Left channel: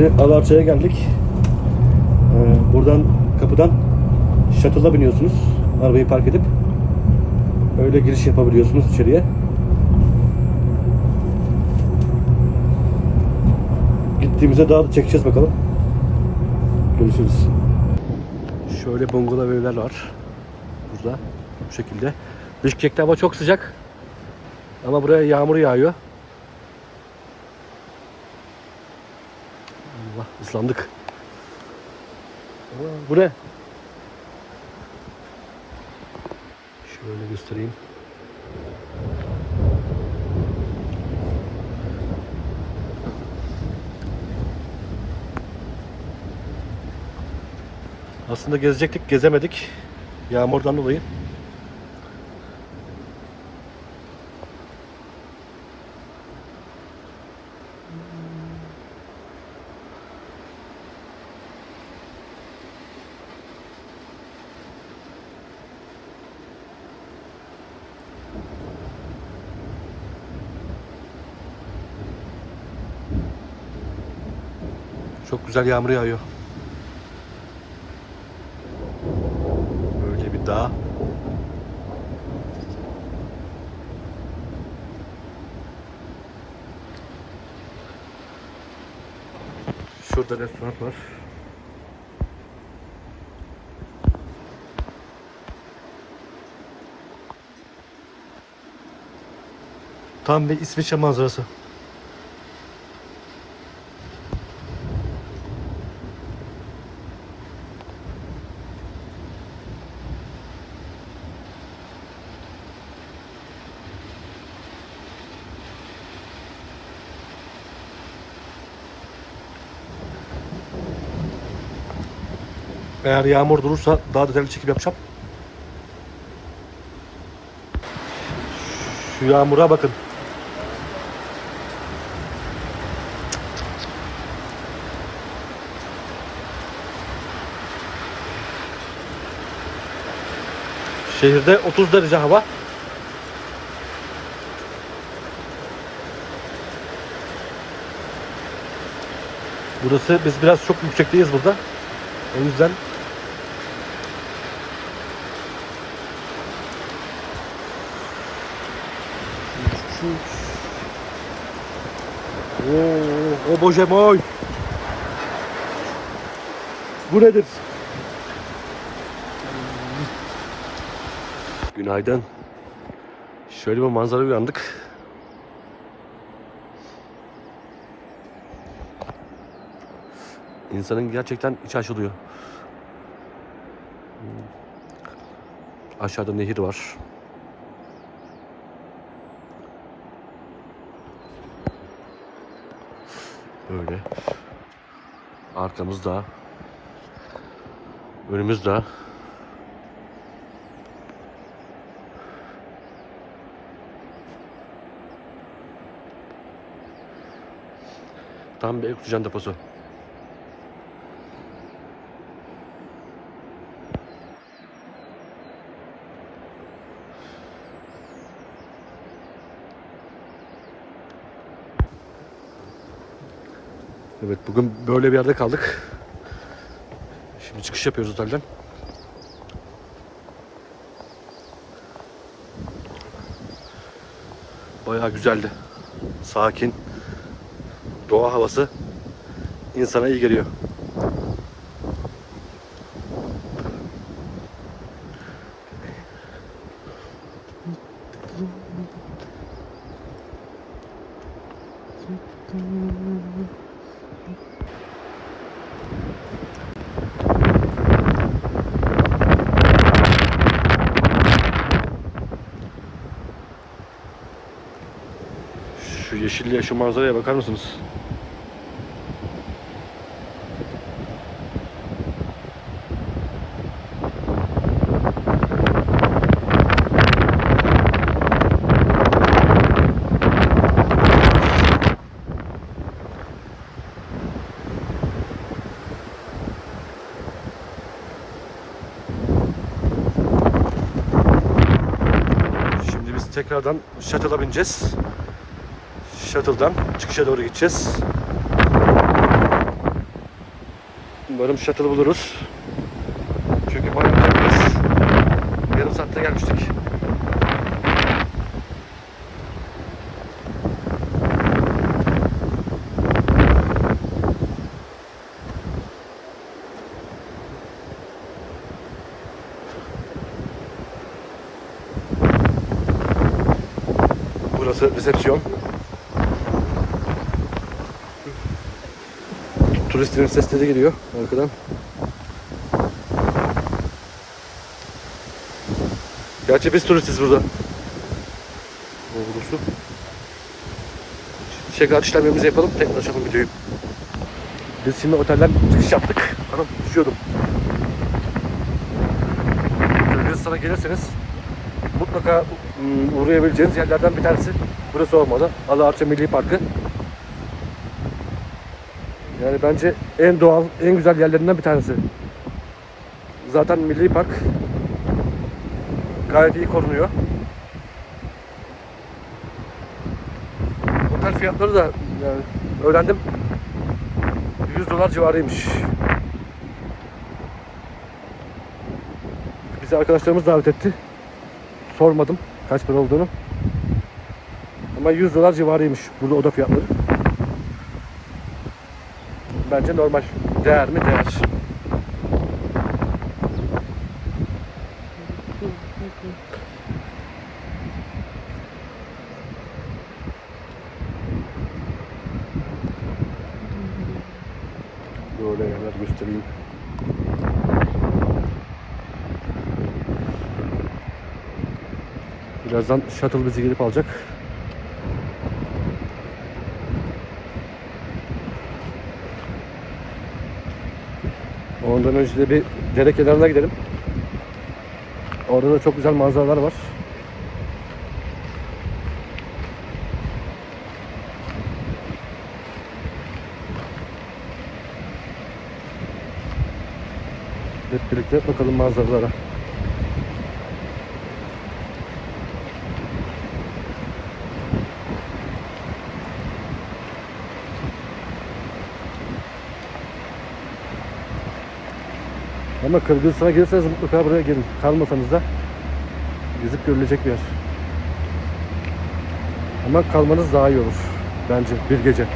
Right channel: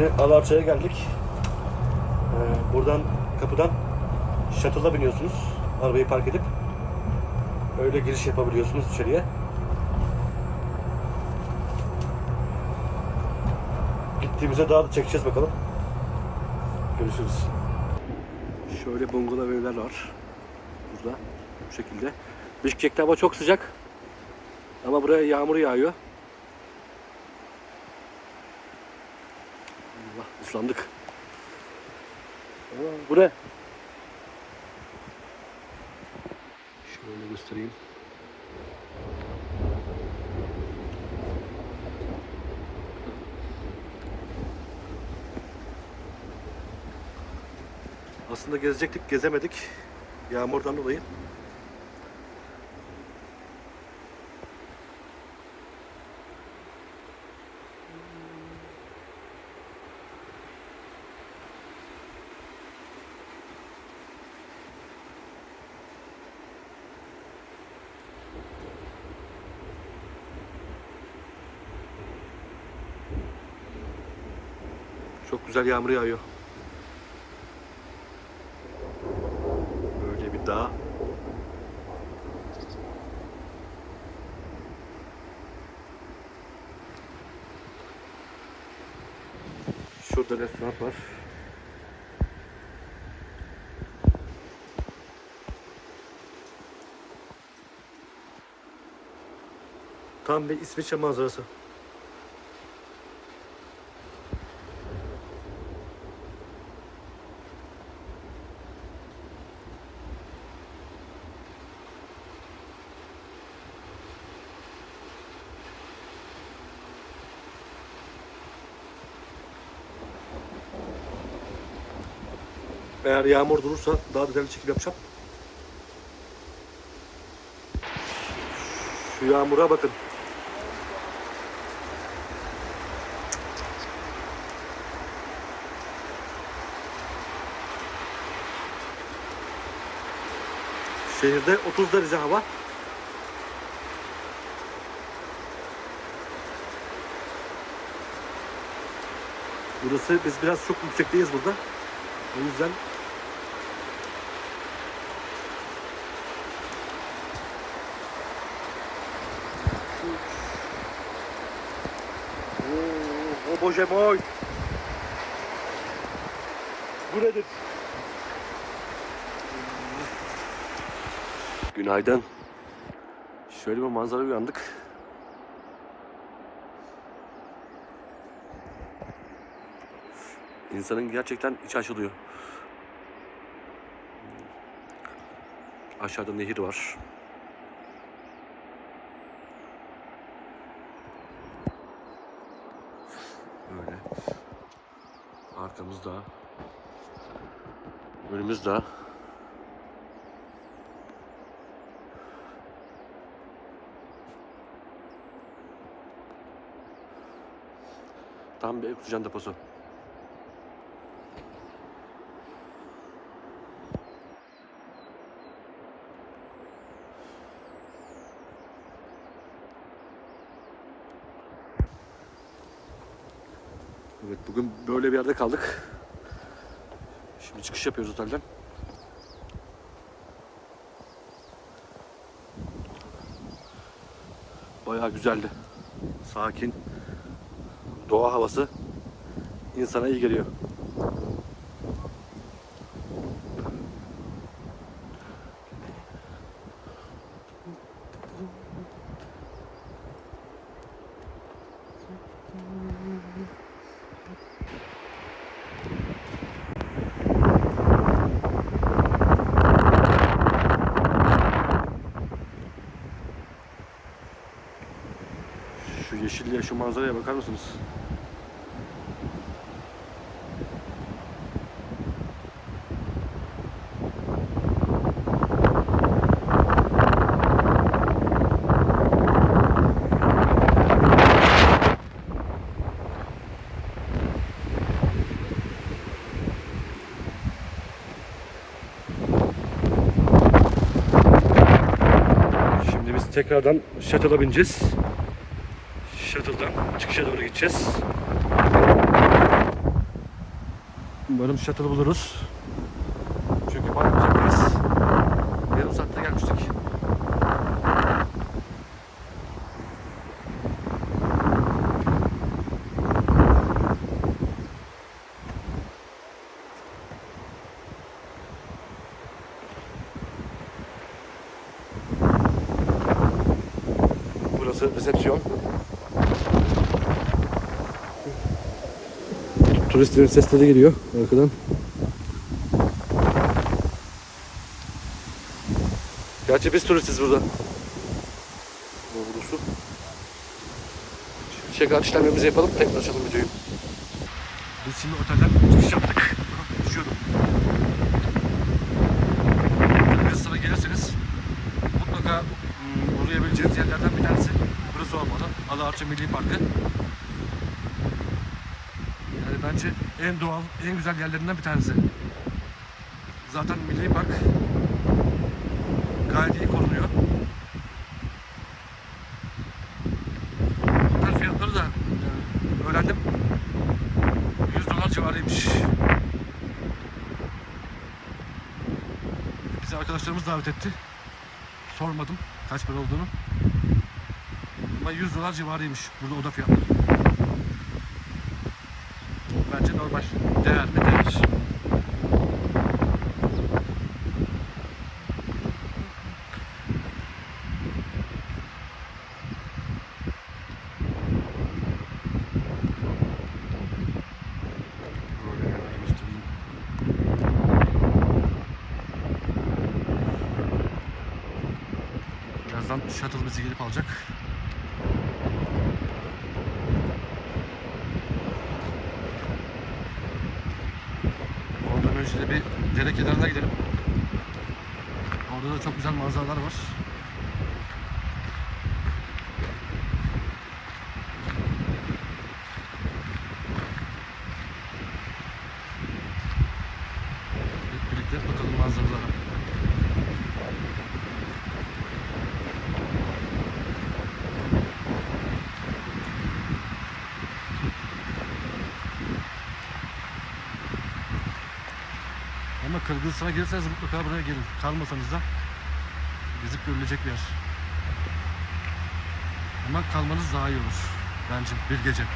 Şimdi Alarça'ya geldik. Ee, buradan kapıdan shuttle'a biniyorsunuz. Arabayı park edip öyle giriş yapabiliyorsunuz içeriye. Gittiğimizde daha da çekeceğiz bakalım. Görüşürüz. Şöyle bungalov evler var. Burada bu şekilde. Bişkek'te hava çok sıcak. Ama buraya yağmur yağıyor. Allah ıslandık. Aa, bu ne? Şöyle göstereyim. Aslında gezecektik, gezemedik. Yağmurdan dolayı. Çok güzel yağmur yağıyor. Böyle bir dağ. Şurada restoran var. Tam bir İsviçre manzarası. Eğer yağmur durursa daha detaylı çekim yapacağım. Şu yağmura bakın. Şehirde 30 derece hava. Burası biz biraz çok yüksekteyiz burada. O yüzden Oo, o boje moy. Bu nedir? Günaydın. Şöyle bir manzara uyandık. İnsanın gerçekten içi açılıyor. Aşağıda nehir var. Böyle. Arkamızda. Önümüzde. Tam bir oksijen deposu. Evet bugün böyle bir yerde kaldık. Şimdi çıkış yapıyoruz otelden. Bayağı güzeldi. Sakin. Doğa havası insana iyi geliyor. Şu yeşilliğe, şu manzaraya bakar mısınız? Tekrardan shuttle'a bineceğiz. Shuttle'dan çıkışa doğru gideceğiz. Umarım shuttle buluruz. Çünkü bayağı uzaktayız. Yarım saatte gelmiştik. Burası resepsiyon. Turistlerin sesleri geliyor arkadan. Gerçi biz turistiz burada. Doğrusu. Check-out işlemlerimizi yapalım. Tekrar açalım videoyu. Biz şimdi otelden çıkış yaptık. Hanım düşüyordum. Kırgızistan'a gelirseniz mutlaka ım, uğrayabileceğiniz yerlerden bir tanesi burası olmalı. Alaarça Milli Parkı. Yani bence en doğal, en güzel yerlerinden bir tanesi. Zaten Milli Park gayet iyi korunuyor. Otel fiyatları da yani öğrendim 100 dolar civarıymış. Bizi arkadaşlarımız davet etti. Sormadım kaç para olduğunu. Ama 100 dolar civarıymış burada oda fiyatları. Bence normal. Değer mi? Değer. Böyle yerler göstereyim. Birazdan shuttle bizi gelip alacak. Ondan önce de bir dere kenarına gidelim. Orada da çok güzel manzaralar var. Hep birlikte bakalım manzaralara. Ama Kırgızistan'a gelirseniz mutlaka buraya gelin. Kalmasanız da gezip görülecek bir yer. Ama kalmanız daha iyi olur. Bence bir gece.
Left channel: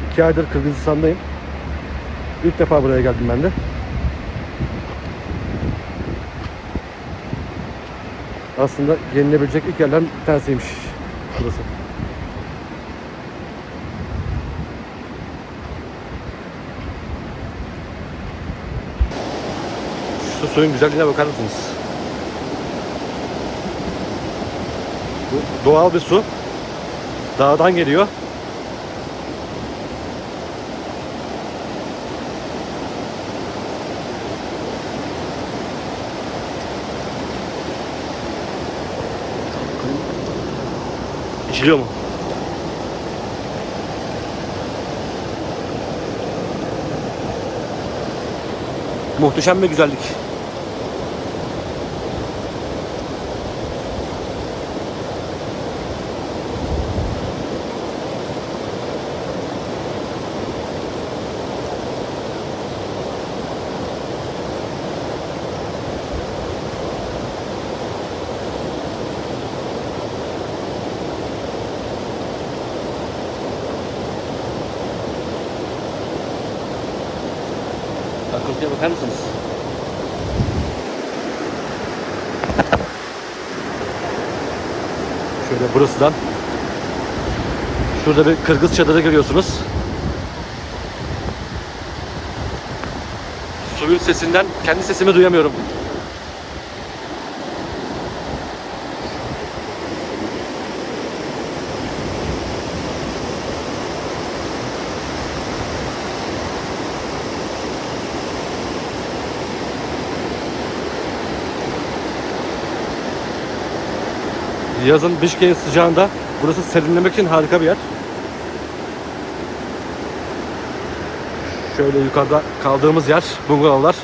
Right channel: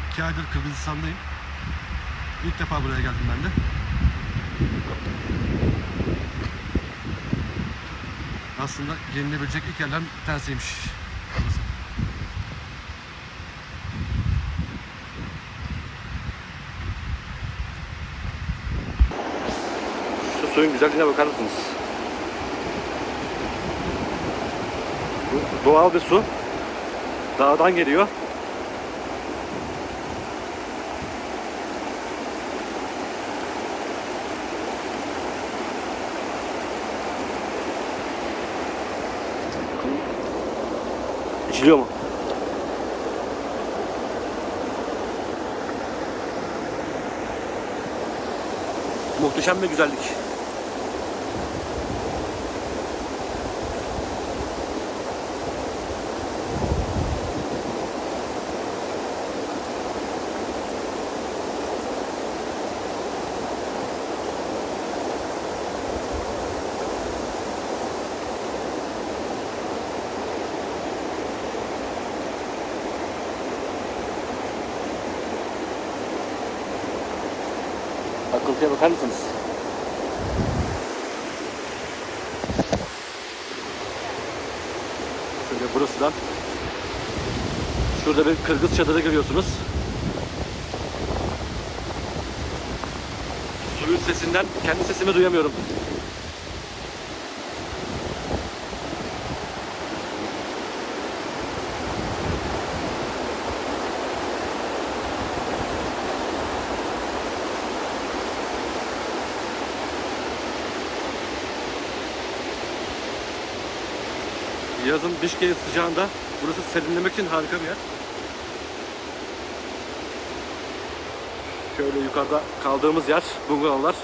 İki aydır Kırgızistan'dayım. İlk defa buraya geldim ben de. Aslında gelinebilecek ilk yerlerden bir tanesiymiş burası. Şu suyun güzelliğine bakar mısınız? Bu doğal bir su. Dağdan geliyor. İçiliyor mu? Muhteşem bir güzellik. Akıntıya bakar mısınız? Şöyle burasından Şurada bir Kırgız çadırı görüyorsunuz. Suyun sesinden kendi sesimi duyamıyorum. Yazın Bişkek'in sıcağında burası serinlemek için harika bir yer. Şöyle yukarıda kaldığımız yer bungalovlar.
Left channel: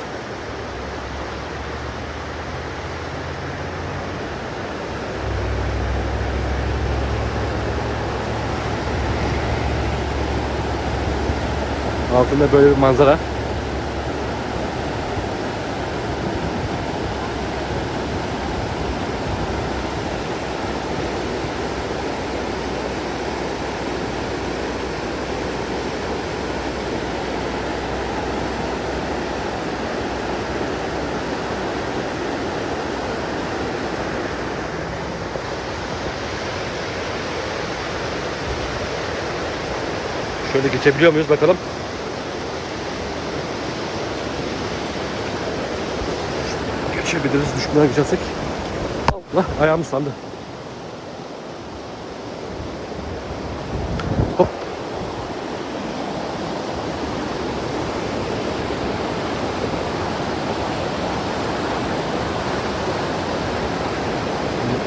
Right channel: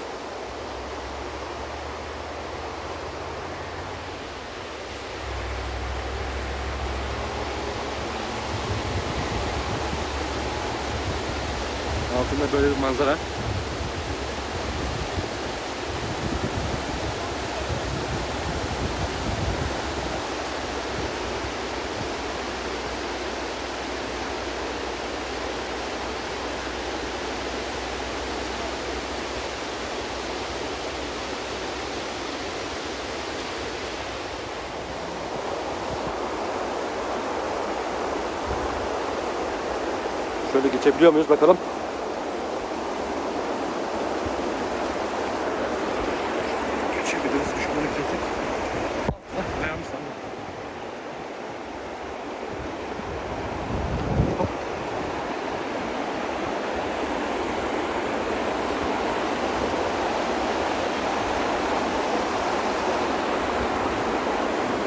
Altında böyle bir manzara. Şöyle geçebiliyor muyuz bakalım. Geçebiliriz düşmeden geçersek. Allah ayağım ıslandı. Hop.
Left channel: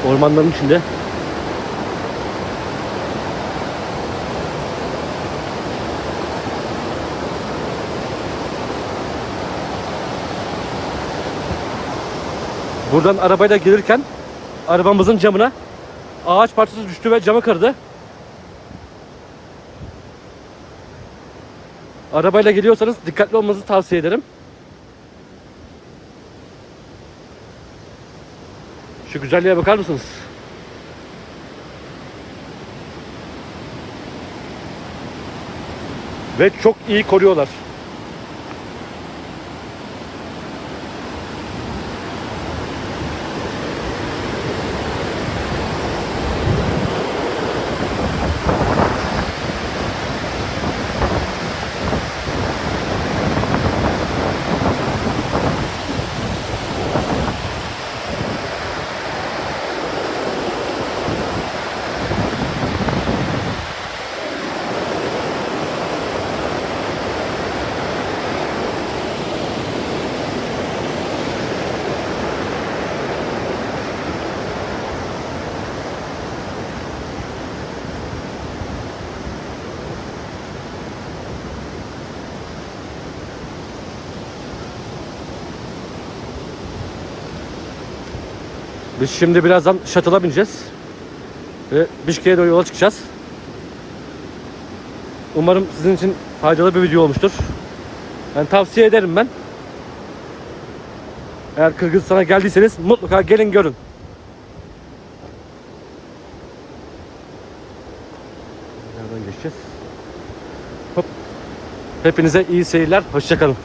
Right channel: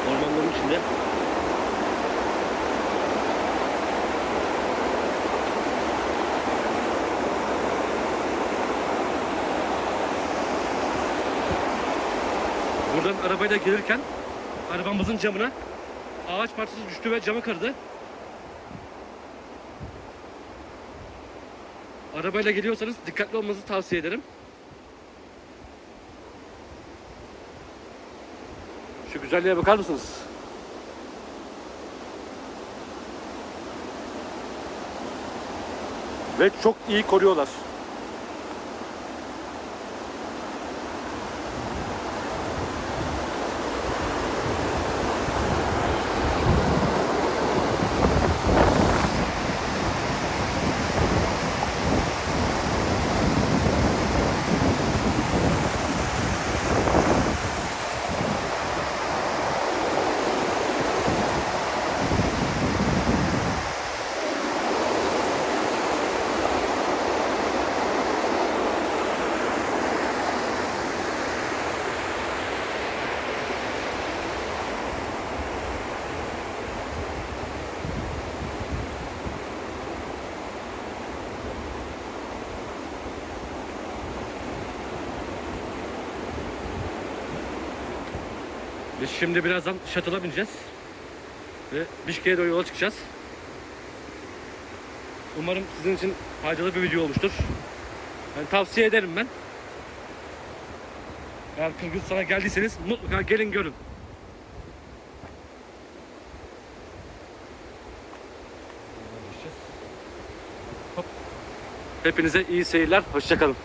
Ormanların içinde Buradan arabayla gelirken arabamızın camına ağaç parçası düştü ve camı kırdı. Arabayla geliyorsanız dikkatli olmanızı tavsiye ederim. Şu güzelliğe bakar mısınız? Ve çok iyi koruyorlar. Biz şimdi birazdan shuttle'a bineceğiz. Ve Bişkek'e doğru yola çıkacağız. Umarım sizin için faydalı bir video olmuştur. Ben tavsiye ederim ben. Eğer Kırgızistan'a geldiyseniz mutlaka gelin görün. Nereden geçeceğiz? Hop. Hepinize iyi seyirler. Hoşçakalın.